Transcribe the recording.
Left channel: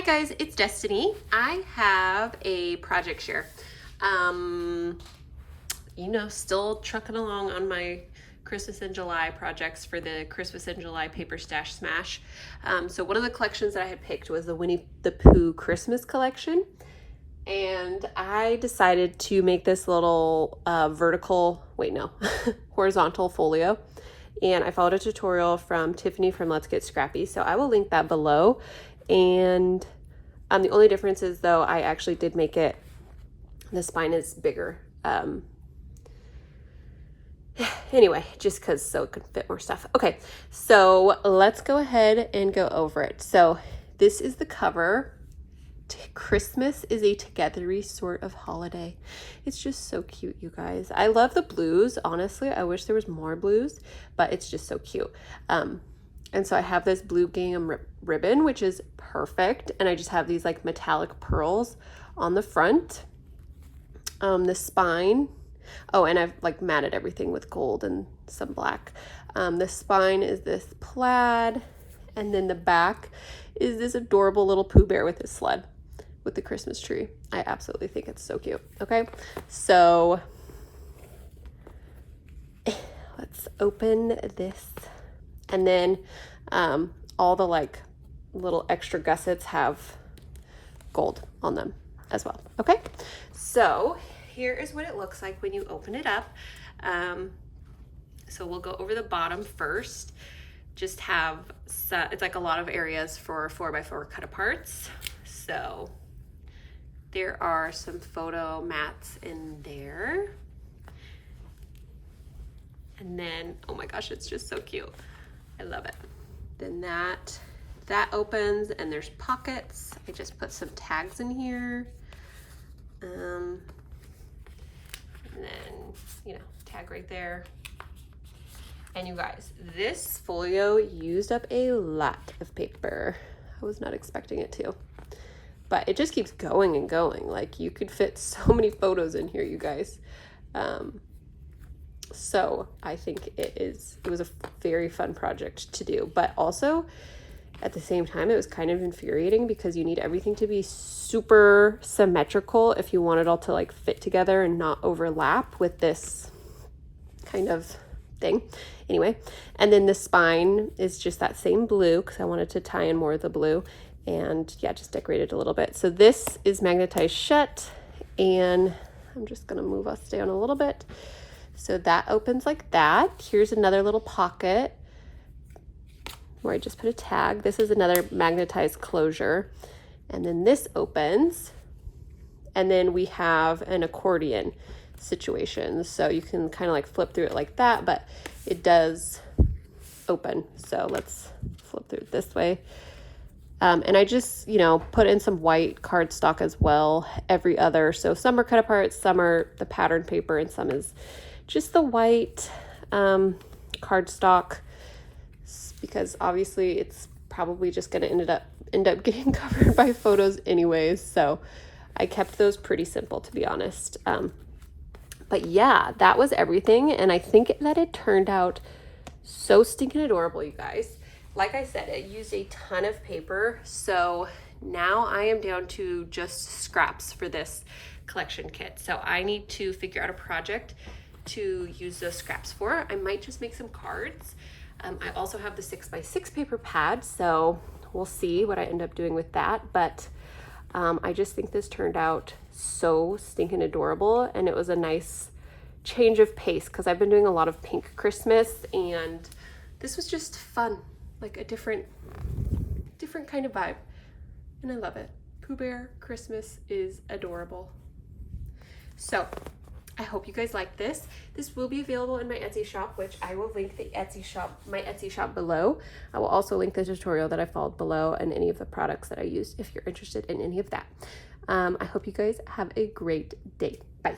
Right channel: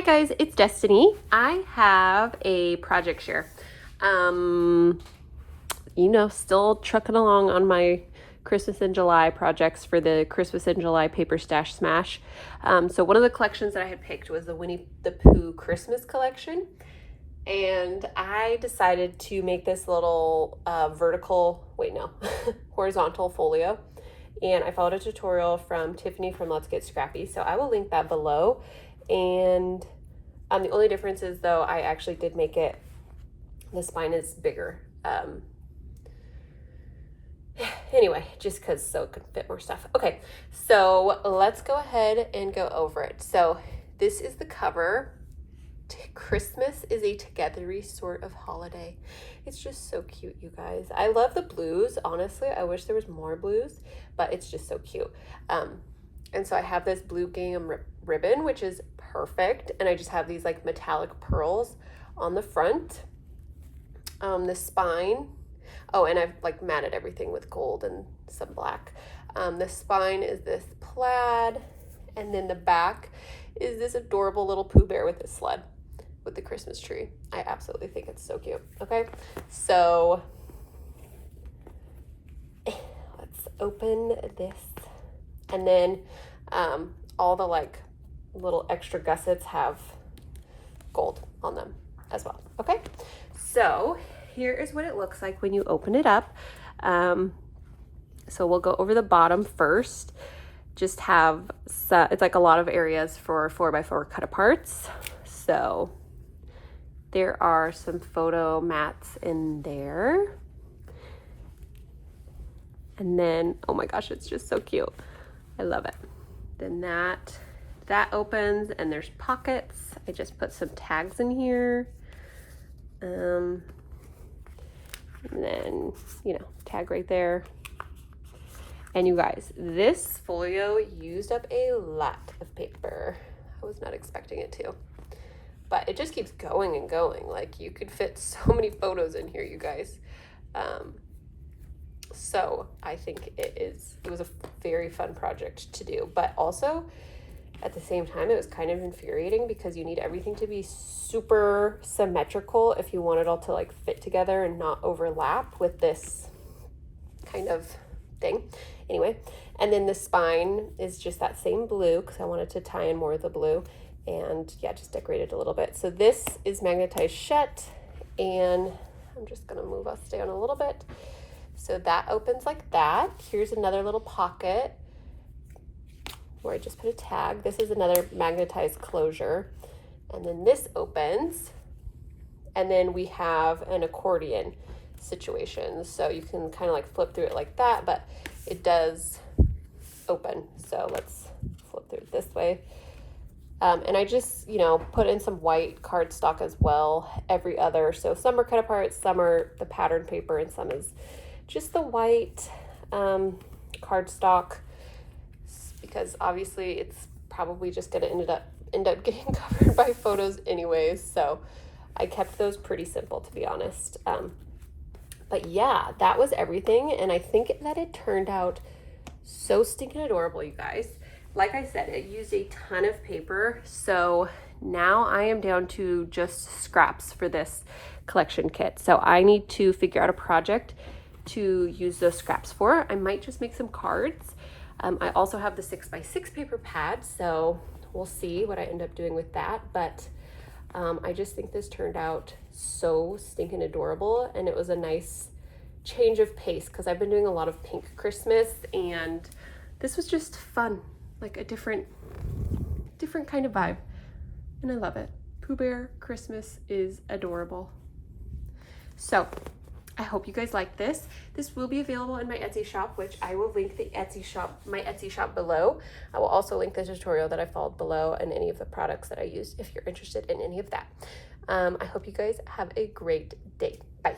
Hi guys, it's Destiny. I have a project share. Still trucking along on my Christmas in July projects for the Christmas in July Paper Stash Smash. So one of the collections that I had picked was the Winnie the Pooh Christmas collection. And I decided to make this little horizontal folio. And I followed a tutorial from Tiffany from Let's Get Scrappy. So I will link that below. And the only difference is though, I actually did make it, the spine is bigger. Anyway, just because so it could fit more stuff. Okay, so let's go ahead and go over it. So this is the cover. Christmas is a togethery sort of holiday. It's just so cute, you guys. I love the blues. Honestly, I wish there was more blues, but it's just so cute. And so I have this blue gingham ribbon, which is perfect. And I just have these like metallic pearls on the front. The spine. Oh, and I've like matted everything with gold and some black. The spine is this plaid. And then the back is this adorable little Pooh Bear with his sled with the Christmas tree. I absolutely think it's so cute. Okay, so let's open this. And then all the like little extra gussets have gold on them as well. Okay, so here is what it looks like when you open it up. So we'll go over the bottom first. Just have, it's like a lot of areas for 4x4 cut aparts. So there are some photo mats in there. And then, oh my gosh, it's just so cute. I love it. Then that opens and there's pockets. I just put some tags in here. And then, tag right there. And you guys, this folio used up a lot of paper. I was not expecting it to, but it just keeps going and going. Like you could fit so many photos in here, you guys. So I think it was a very fun project to do, but also at the same time, it was kind of infuriating because you need everything to be super symmetrical if you want it all to like fit together and not overlap with this kind of thing. Anyway, and then the spine is just that same blue because I wanted to tie in more of the blue, and yeah, just decorated a little bit. So this is magnetized shut, and I'm just gonna move us down a little bit. So that opens like that. Here's another little pocket where I just put a tag. This is another magnetized closure. And then this opens, and then we have an accordion situation. So you can kind of like flip through it like that, but it does open. So let's flip through it this way. And I just, put in some white cardstock as well, every other. So some are cut apart, some are the pattern paper, and some is just the white cardstock, because obviously it's probably just gonna end up getting covered by photos anyways. So I kept those pretty simple, to be honest. But yeah, that was everything. And I think that it turned out so stinking adorable, you guys. Like I said, it used a ton of paper. So now I am down to just scraps for this collection kit. So I need to figure out a project to use those scraps for. I might just make some cards. I also have the 6x6 paper pad, so we'll see what I end up doing with that. But I just think this turned out so stinking adorable, and it was a nice change of pace because I've been doing a lot of pink Christmas, and this was just fun, like a different kind of vibe, and I love it. Pooh Bear Christmas is adorable. So I hope you guys like this. This will be available in my Etsy shop, which I will link my Etsy shop below. I will also link the tutorial that I followed below and any of the products that I used if you're interested in any of that. I hope you guys have a great day. Bye.